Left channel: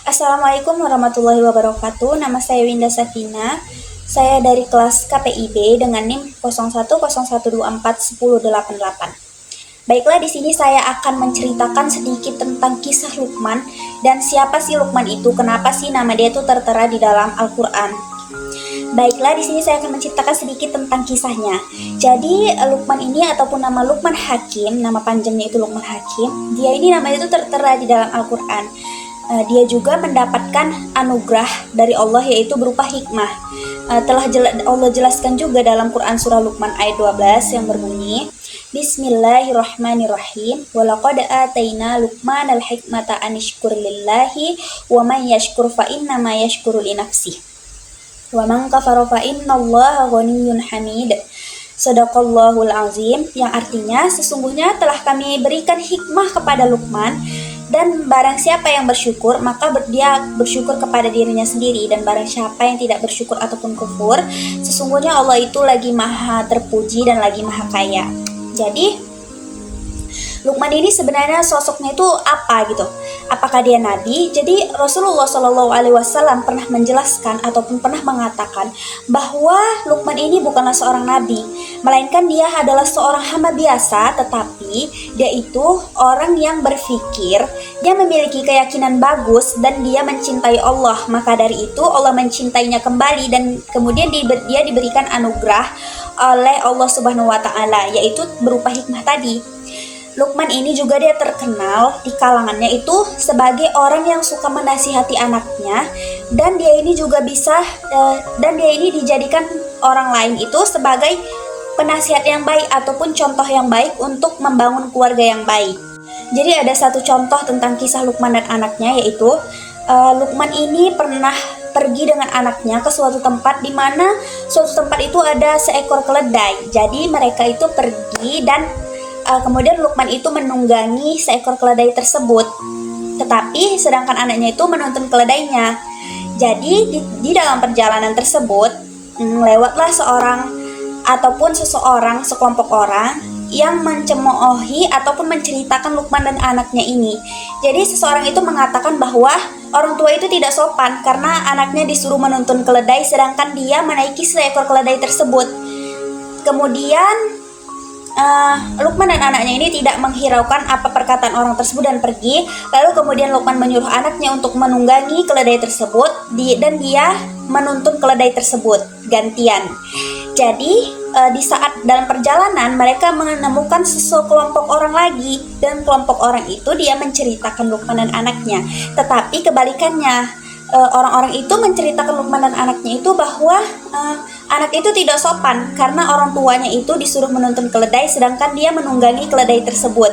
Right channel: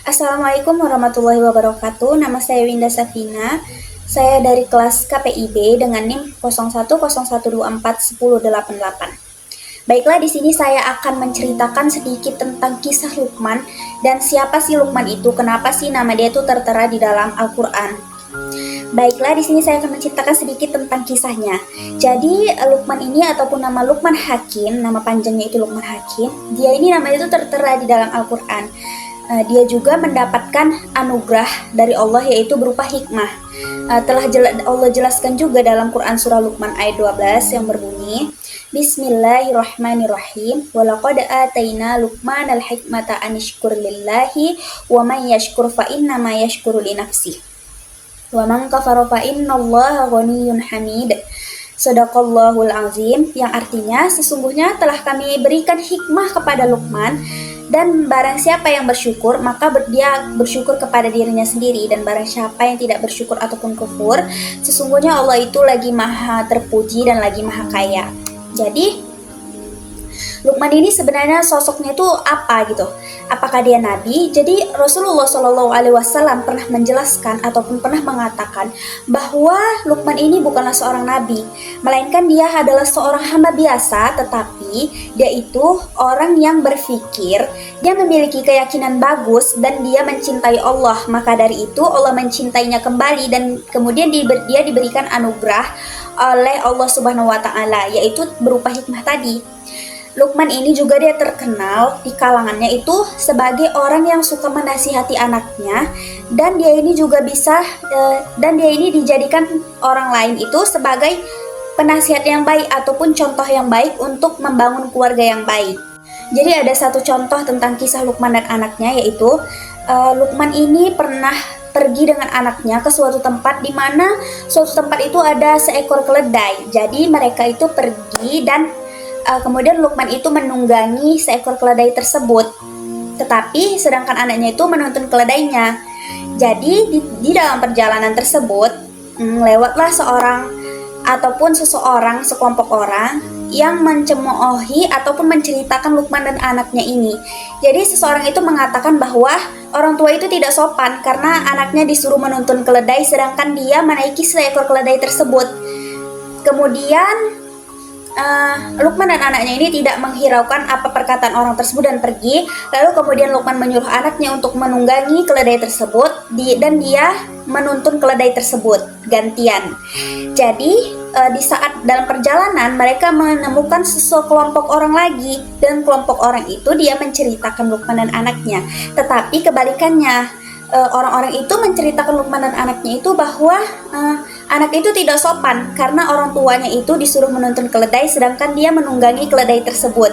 Assalamualaikum warahmatullahi wabarakatuh. Nama saya Winda Safina. Saya dari kelas KPIB dengan NIM 0101241088. Baiklah, di sini saya akan menceritakan sedikit tentang kisah Luqman dan siapa sih Luqman itu, kenapa sih nama dia itu tertera di dalam Al-Qur'an. Baiklah, di sini saya akan menceritakan sedikit tentang kisahnya. Jadi, Luqman ini ataupun nama Luqman Hakim, nama panjangnya itu Luqman Hakim, dia ini namanya itu tertera di dalam Al-Qur'an. Dia juga mendapatkan anugerah dari Allah yaitu berupa hikmah. Telah Allah jelaskan juga dalam Quran surah Luqman ayat 12 yang berbunyi, Bismillahirrahmanirrahim. Walaqad ataina Luqmanal hikmata anishkur lillahi wa may yashkur fa innama yashkuru li nafsihi. Wa man kafara fa innallaha ghaniyyun hamid. Shadaqallahul azim, yang artinya sesungguhnya telah kami berikan hikmah kepada Luqman, dan barang siapa yang bersyukur maka dia bersyukur kepada dirinya sendiri, dan barang siapa yang tidak bersyukur ataupun kufur, sesungguhnya Allah itu lagi maha terpuji dan lagi maha kaya. Jadi Luqman ini sebenarnya sosoknya itu apa gitu? Apakah dia nabi? Jadi Rasulullah SAW pernah menjelaskan ataupun pernah mengatakan bahwa Luqman ini bukanlah seorang nabi, melainkan dia adalah seorang hamba biasa, tetapi dia itu orang yang berpikir, dia memiliki keyakinan bagus dan dia mencintai Allah. Maka dari itu Allah mencintainya kembali dan kemudian dia diberikan anugerah oleh Allah Subhanahu wa taala, yaitu berupa hikmah tadi. Luqman ini juga dia terkenal di kalangannya itu sebagai orang yang suka menasihati anaknya, dan dia ini juga dan dia ini dijadikan orang lain itu sebagai penasihat yang baik ataupun contoh yang baik untuk membangun keluarga yang baik. Jadi ada satu contoh tentang kisah Luqman dan anaknya, yaitu Luqman ini pernah pergi dengan anaknya ke suatu tempat di mana suatu tempat itu ada seekor keledai. Jadi mereka itu pergi dan kemudian Luqman itu menunggangi seekor keledai tersebut, tetapi sedangkan anaknya itu menuntun keledainya. Jadi di dalam perjalanan tersebut lewatlah sekelompok orang yang mencemoohi ataupun menceritakan Luqman dan anaknya ini. Jadi seseorang itu mengatakan bahwa orang tua itu tidak sopan karena anaknya disuruh menuntun keledai sedangkan dia menaiki seekor keledai tersebut. Kemudian Luqman dan anaknya ini tidak menghiraukan apa perkataan orang tersebut dan pergi. Lalu kemudian Luqman menyuruh anaknya untuk menunggangi keledai tersebut dan dia menuntun keledai tersebut gantian. Jadi di saat dalam perjalanan mereka menemukan sekelompok orang lagi, dan kelompok orang itu dia menceritakan Luqman dan anaknya. Tetapi kebalikannya, orang-orang itu menceritakan Luqman dan anaknya itu bahwa anak itu tidak sopan karena orang tuanya itu disuruh menuntun keledai sedangkan dia menunggangi keledai tersebut.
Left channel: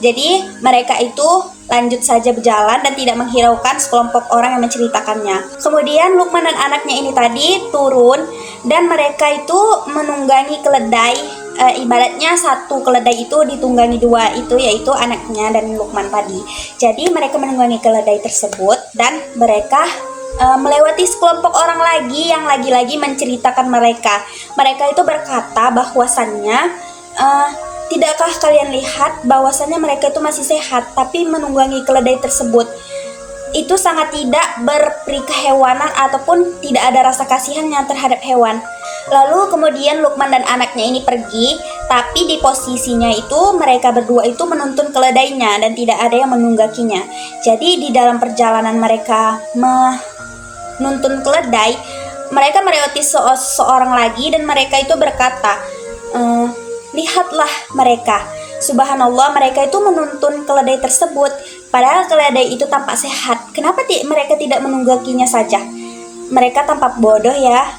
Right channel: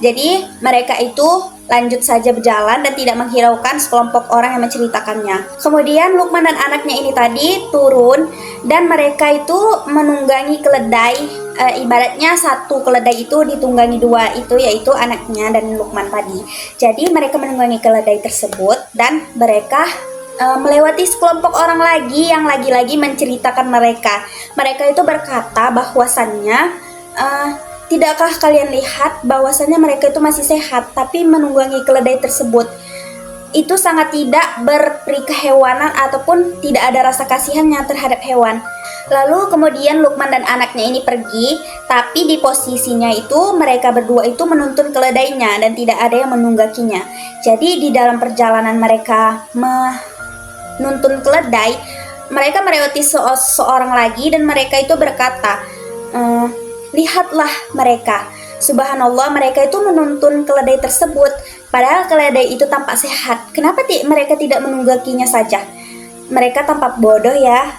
Jadi mereka itu lanjut saja berjalan dan tidak menghiraukan sekelompok orang yang menceritakannya. Kemudian Luqman dan anaknya ini tadi turun dan mereka itu menunggangi keledai. Ibaratnya satu keledai itu ditunggangi dua, itu yaitu anaknya dan Luqman tadi. Jadi mereka menunggangi keledai tersebut dan mereka melewati sekelompok orang lagi yang lagi-lagi menceritakan mereka. Mereka itu berkata bahwasannya, tidakkah kalian lihat bahwasannya mereka itu masih sehat tapi menunggangi keledai tersebut itu sangat tidak berperi kehewanan ataupun tidak ada rasa kasihannya terhadap hewan. Lalu kemudian Luqman dan anaknya ini pergi, tapi di posisinya itu mereka berdua itu menuntun keledainya dan tidak ada yang menungganginya. Jadi di dalam perjalanan mereka menuntun keledai, mereka melewati seorang lagi dan mereka itu berkata, lihatlah mereka, subhanallah, mereka itu menuntun keledai tersebut padahal keledai itu tampak sehat. Kenapa mereka tidak menungganginya saja? Mereka tampak bodoh ya.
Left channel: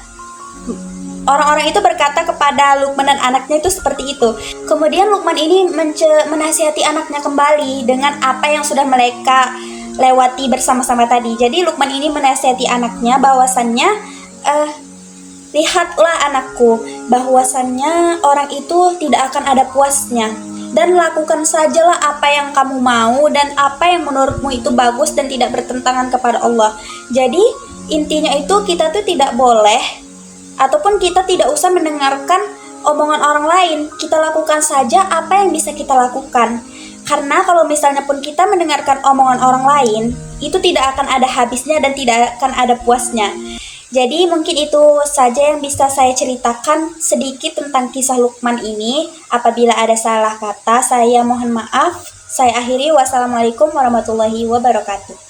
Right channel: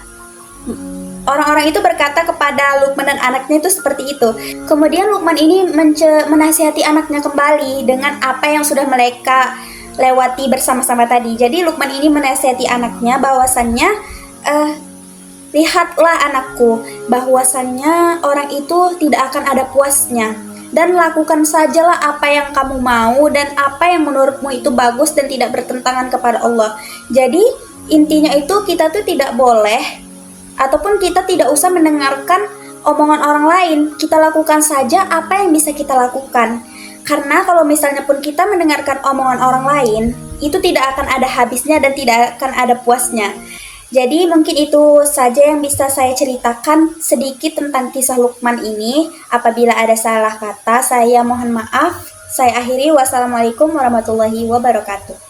Orang-orang itu berkata kepada Luqman dan anaknya itu seperti itu. Kemudian Luqman ini menasihati anaknya kembali dengan apa yang sudah mereka lewati bersama-sama tadi. Jadi Luqman ini menasihati anaknya bahwasannya, lihatlah anakku, bahwasannya orang itu tidak akan ada puasnya, dan lakukan sajalah apa yang kamu mau dan apa yang menurutmu itu bagus dan tidak bertentangan kepada Allah. Jadi intinya itu kita tuh tidak boleh ataupun kita tidak usah mendengarkan omongan orang lain. Kita lakukan saja apa yang bisa kita lakukan. Karena kalau misalnya pun kita mendengarkan omongan orang lain, itu tidak akan ada habisnya dan tidak akan ada puasnya. Jadi mungkin itu saja yang bisa saya ceritakan sedikit tentang kisah Luqman ini. Apabila ada salah kata, saya mohon maaf. Saya akhiri. Wassalamualaikum warahmatullahi wabarakatuh.